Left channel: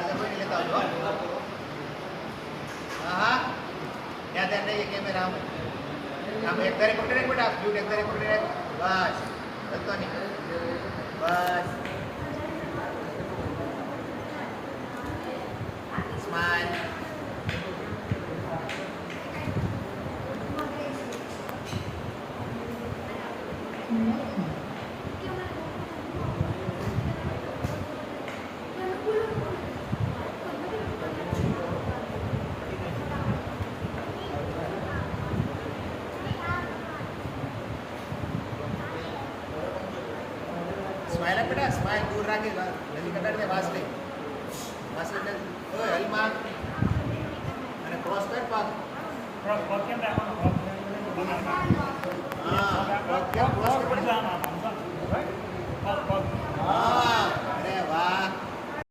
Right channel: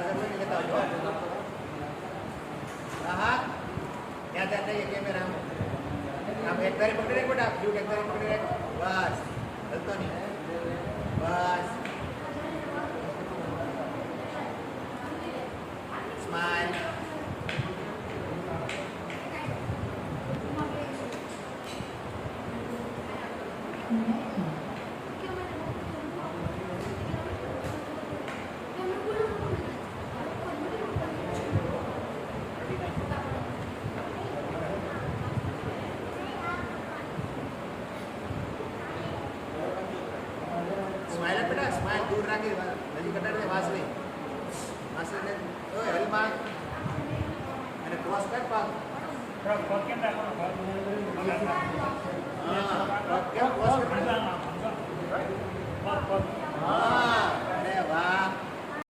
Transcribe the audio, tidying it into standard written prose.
ચાર્જર હોય ને લેતા આવજો. હા હા ત્યાં ત્યાં નહીં કેમેરા આમ એક ધારી પકડી રાખ બેટા, બ્લૂ એક ધારી પકડી રાખ. બસ હલતો નહીં. બસ સ્માઈલ. સ્માઈલ આપ બેટા, સ્માઈલ દૂર રાખી નજીક કટાડી દે. વાસ લઈ ઓય હલમાં અને ક્રોસ કર પાક. હા પગ કેમ ક્રોસ કર પડે.